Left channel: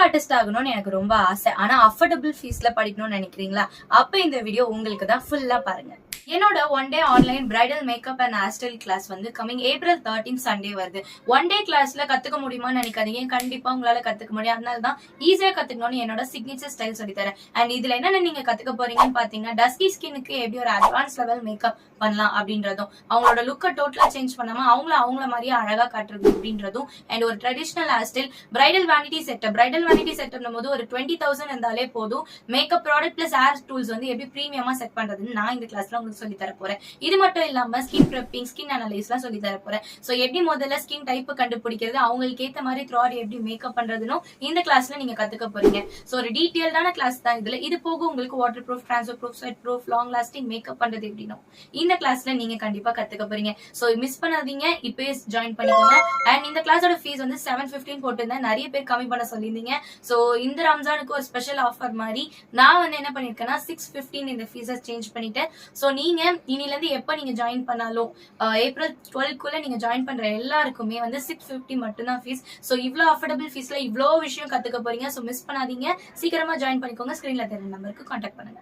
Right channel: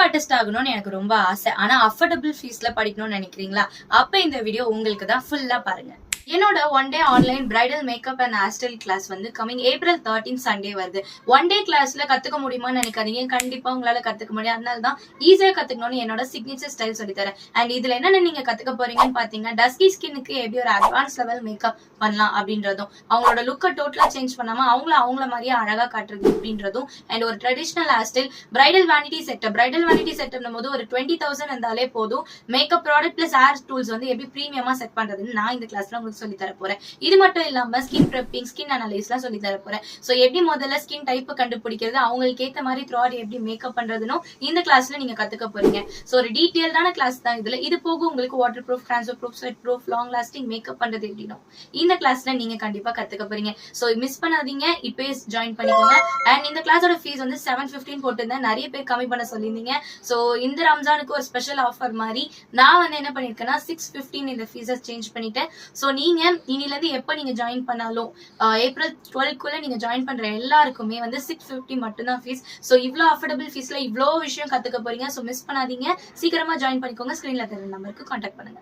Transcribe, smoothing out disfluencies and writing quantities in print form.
Makeup artist ஆகணும்னு எனக்கு ரொம்ப ஆசை. ஆனா அஃபோர்டபிள் ஃபீஸ்ல படிக்கணும்னு நினைக்கிறீங்களா? அப்ப இந்த வீடியோ உங்களுக்கு தான். ஃபுல்லா பாருங்க. என்னோட one day online bridal makeup and hair style class வந்து கமிங் April 13 சண்டே வருது. ஒன் டே கிளாஸ்ல கத்துக்க முடியுமான்னு நினைக்காதீங்க. கண்டிப்பா உங்களால கத்துக்க முடியும். அதனால தான் ஈஸியா கத்துக்கணும்னு என்னோட சிக்னேச்சர் ஸ்டைல் சொல்லி தரேன். அண்ட் இதுல என்னென்ன நீங்க கத்துக்க போறீங்கன்னு பாத்தீங்கன்னா, டஸ்கி ஸ்கின்னுக்கு எப்படி ஒரு அட்வான்ஸ் லெவல் மேக்கப் பண்ணலாம் அப்படின்றதும், அவங்களோட லுக்கை டோட்டலா சேஞ்ச் பண்ணாம அவங்கள மாதிரியே அழகா காட்டுறது அப்படின்றதும், அண்ட் ஒரு traditional hair style bridal vanity setup போது ஒரு 20,000 இருந்தாலே போதும். Makeup product plus hair tools வந்து எப்படி பிரீமியமா செட் பண்றதுன்னு நான் இந்த கிளாஸ்ல உங்களுக்கு சொல்லி தர போறேன். இது மட்டும் இல்லாம ஸ்கின் பிரெப்பிங், ஸ்கின் அனலைஸ்லாம் சொல்லி தர போறேன். சோ எப்படி முதல்ல ஸ்கின் டைப் கண்டுபிடிக்கிறது, அவங்களுக்கு ஏத்த மாதிரி த்ராட் எப்படி மேக்கப் பண்றதுன்னு இந்த கிளாஸ்ல நீங்க கத்துக்க போறீங்க. சோ ஒரு டீடைல்டான கிளாஸ் தான் இதுல. இது போக உங்களுக்கு water proof, transfer proof, sweat proof, long lasting makeup பண்றது எப்படின்னு இந்த கிளாஸ்ல நீங்க கண்டிப்பா கத்துக்க போறீங்க. சோ மிஸ் பண்ணாதீங்க, இப்பவே ஜாயின் பண்ணிக்கோங்க. அண்ட் இந்த கிளாஸோட ஃபீஸ் வந்து 715 போட்டிருந்தேன். நிறைய பேர் கம்மி பண்ண சொல்லியிருந்தீங்க. சோ இந்த ரம்ஜானுக்கு ஒரு ஸ்பெஷல் ஆஃபர் மாதிரி நான் வந்து என்ன பண்ணிருக்கேன்னா 615 இந்த ஃபீஸை சேஞ்ச் பண்ணிட்டேன். சோ நீங்க இனில இருந்து எப்ப நீங்க ஜாயின் பண்ணாலும் April 12க்குள்ள நீங்க ஜாயின் பண்ற எல்லாருக்குமே வந்து 650 மட்டும்தான் ஃபீஸ். சோ இவ்ளோ அஃபோர்டபிள் ஃபீஸ்ல இவ்ளோ விஷயம் கத்துக்க போறீங்க. சோ மிஸ் பண்ணாதீங்க, சீக்கிரமா ஜாயின் பண்ணிக்கோங்க. ஸ்கிரீன்ல தெரியற நம்பருக்கு கான்டாக்ட் பண்ணுங்க.